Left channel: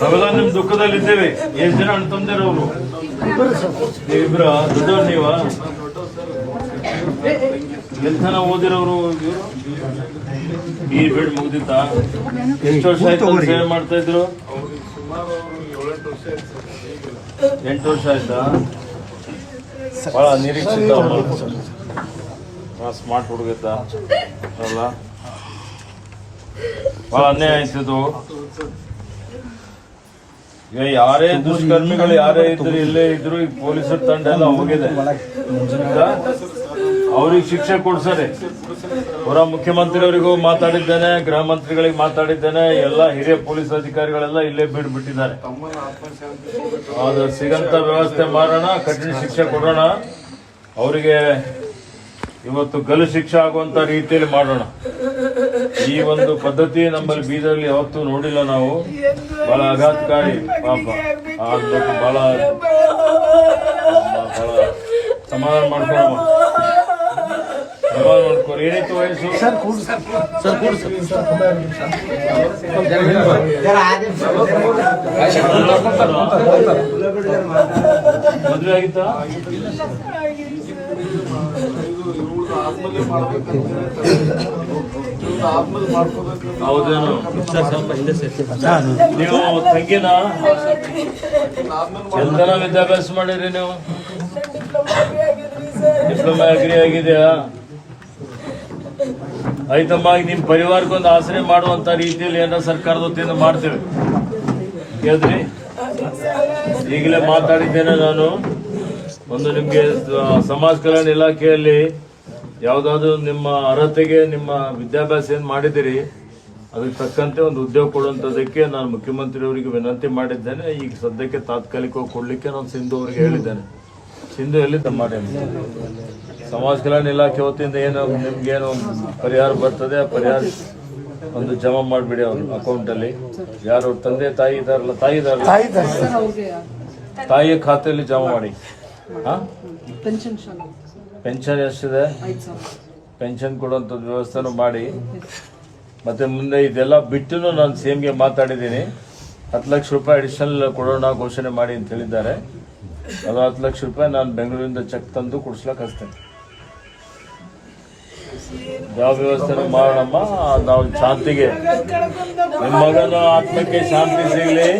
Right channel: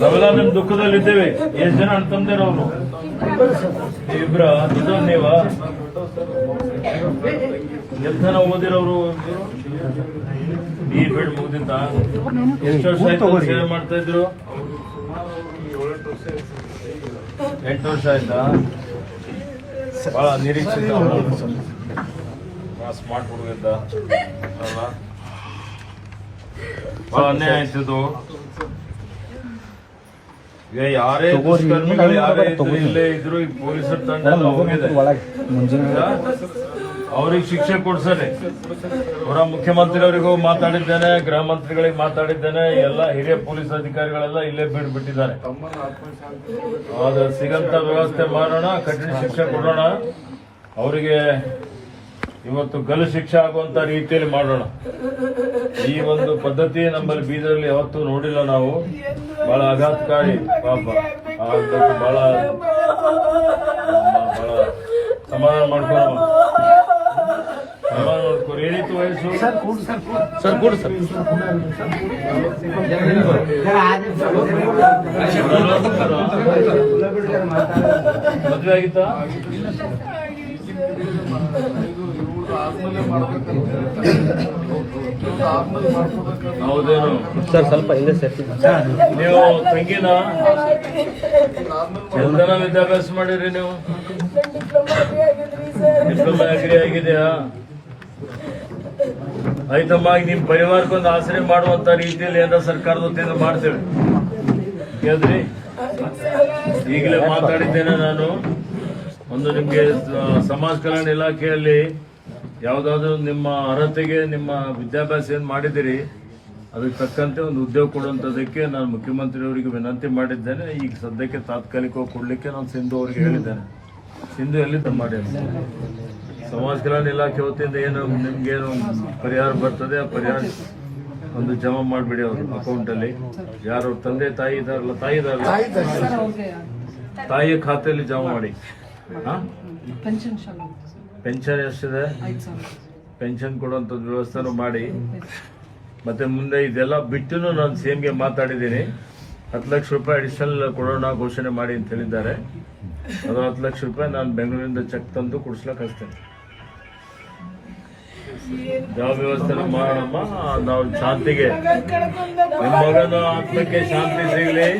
ನಾವೆಲ್ಲ ನಿಮ್ ದುಃಖದಲ್ಲಿದ್ದೇವೆ. ಎಷ್ಟು ಜನ ಅಣ್ತಂದಿರ ಅವರು ಇಬ್ರ ದೊಡ್ಡವ್ರು ನೀವ ಎಂತನ ಓದಿರೋರು ಈ ಬಿಡ್ ಮುಗ್ದಿತ್ತ ಎಷ್ಟು ವರ್ಷ ಆಯ್ತು ಸೇವೆ ಮಾಡ್ತಾ ಇದ್ರು? 8 ವರ್ಷ ಆಯ್ತಾ? ಬಹಳ ನಿರೀಕ್ಷಿತ ಸ್ಮಾರ್ಟ್ ಹುಡುಗಿದ್ದ ಅಲ್ಲ, ಬಹಳ ಅನ್ಯಾಯ ಆಯ್ತಿದ್ದು. ಈಗ ಯಾರೇ ದುಷ್ಕರ್ಮಿಗಳು ಯಾರೇ ಇದ್ರು ಇಲ್ಲೇ ಇದ್ರು ಈಗ ಪೊಲೀಸರ ತಂಡ ಎಲ್ಲ ಹೋಗಿದೆ, ಅವ್ರಿಗೆ ಶಿಕ್ಷೆ ಕೊಡ್ಸರೆ. ಅವರ ಮುಖ್ಯಮಂತ್ರಿಯವರಿಗೂ ಮಾತಾಡಿದ್ದೇನೆ, ಗೃಹ ಮಂತ್ರಿಗಳಿಗೆ ಮಾತಾಡಿದ್ದೇನೆ, ಎಲ್ಲ ಹಿರಿಯ ಪೊಲೀಸ್ ಅಧಿಕಾರಿಗಳೆಲ್ಲ ಇಲ್ಲೇ ಬಿಟ್ಟಿದ್ದಾರೆ. ಅದು ಸಿಗಂತ ವ್ಯವಸ್ಥೆ ಮಾಡೋಣ, ಕಠಿಣ ಶಿಕ್ಷೆ ಕೊಡೋಣ. ಅವರಿಗೆ ಇವತ್ತು ಗಲ್ಲು ಶಿಕ್ಷೆ ಆಗುವಂತ ರೀತಿಯಲ್ಲಿ ಮಾಡೋಣ. ಈ ಒಂದು ಪದ್ಧತಿ ನಮ್ಮಲ್ಲಿ ಬೀದರ್ಲಿ ಯಾವತ್ತೂ ನೋಡಿಲ್ಲ ನಾವು. ಬಹಳ ಆಘಾತಕಾರಿ ಪಾಪ. ಬಹಳ ಸಮಾಧಾನ ಮಾಡ್ಕೊಳ್ಳೋಣ, ಸಮಾಧಾನ ಮಾಡ್ಕೋರಿ. ಏನಿತ್ತು ವಯಸ್ಸು? ಮದುವೆ ಆಗಿತ್ತಾ? ಹೌದೇನು ಸರ್? ಸ್ವಲ್ಪ ಹಿಂದೆ ನೀವು ತಂಗಿನ ಎಂತನ ವಿದ್ಯಾಭ್ಯಾಸ ಮಾಡಿರಿ ನೀವು? ಡಿಪ್ಲೊಮಾ ಅಗ್ರಿ ಆಗಿದೆಯಾ? ಆಯ್ತಮ್ಮ, ಈಗ ನಿಮ್ ಪರಿವಾರಕ್ಕೊಂದು ಆಸರೆ ಮಾಡುವಂತ ರೀತಿಯಲ್ಲಿ ಏನಾರ ಸರ್ಕಾರದ ವತಿಯಿಂದ ಮಾಡ್ತೇವೆ ಹೇಳಿದ್ರಿ. ಈಗಲೇ ಮಾತಾಡಿದ್ದೇನೆ ನಾನು. ಒಂದು ನಿಮ್ಗೆ ಸಮಾಜ ಕಲ್ಯಾಣ ಇಲಾಖೆಯಲ್ಲಿ ಯಾವ್ದಾದ್ರು ನಿಮ್ಮ ಅರ್ಹತೆಗೆ ನಿಮ್ಮ ವಿದ್ಯಾಭ್ಯಾಸ ಏನ್ ಮಾಡಿದಿರಿ ಅದಕ್ಕೆ ತಕ್ಕಂತೆ ಒಂದು ಉದ್ಯೋಗ ಕೊಡುವಂತದಕ್ಕೆ ನಾನು ಮುಖ್ಯಮಂತ್ರಿಯವರಿಗೆ ವಿನಂತಿ ಮಾಡಿದ್ದೇನೆ. ಈಗ ಸದ್ಯಕ್ಕೆ ತಾತ್ಕಾಲಿಕವಾಗಿ ಕೊಡ್ಲಿಕ್ಕೆ ನಾನು ಸಿಂಧು ಅವರಿಗೆ ಹೇಳಿದ್ದೇನೆ. ಸಿಂಧು ಎಲ್ಲಿ ಮಾಡಿ ಸಮಾಜ ಕಲ್ಯಾಣ ಇಲಾಖೆ ವತಿಯಿಂದ ಏನು ನಿಮ್ಗೇನು ಪರಿಹಾರ ಬರ್ತದೆ ಆ ಪರಿಹಾರ ಒಂದು ಜಮಾ ಮಾಡಿಬಿಡಿ ಅವ್ರ ಅಕೌಂಟಲ್ಲಿ. ಯಾರು ತಂದೆ ತಾಯಿ ಇದಾರಲ್ಲ, ತಾಯಿಯ ಖಾತೆಯಲ್ಲಿ ಜಮಾ ಮಾಡಿ. ಪೆನ್ಷನ್ ಎಷ್ಟಿದೆ? ಪೆನ್ಷನ್ ಕೊಡುವಂಥದ್ದು ವ್ಯವಸ್ಥೆನೂ ಮಾಡಿ. ಮತ್ತೆ ಮುಂದೆ ಇದೆಲ್ಲ ಬಿಟ್ಟು ನಾನು CM ಮಾತಾಡಿದ್ದೀನಿ. 10 ಲಕ್ಷ ರೂಪಾಯಿ ಅಡಿಷನಲ್ ಕೊಡೋಣ ಘೋಷಣೆ ಮಾಡಿ ಅಂತ ಹೇಳಿದ್ದಾರೆ. ಅದು 10 ಲಕ್ಷ ರೂಪಾಯಿ ನಾನು ಬೆಂಗಳೂರಿಂದ ಚೆಕ್ ತಂದು ಕೊಡಿಸ್ಲಕ್ಕೆ ಹಚ್ತೇನೆ. ಯಾವ ವ್ಯವಸ್ಥೆ ಮಾಡೋಣಮ್ಮ. ನಾವು ಶಾಂತಿಗೆ, ನಿಮ್ಮ ಮಗನ ಆತ್ಮಕ್ಕೆ ಶಾಂತಿ ಸಿಗಲಿ.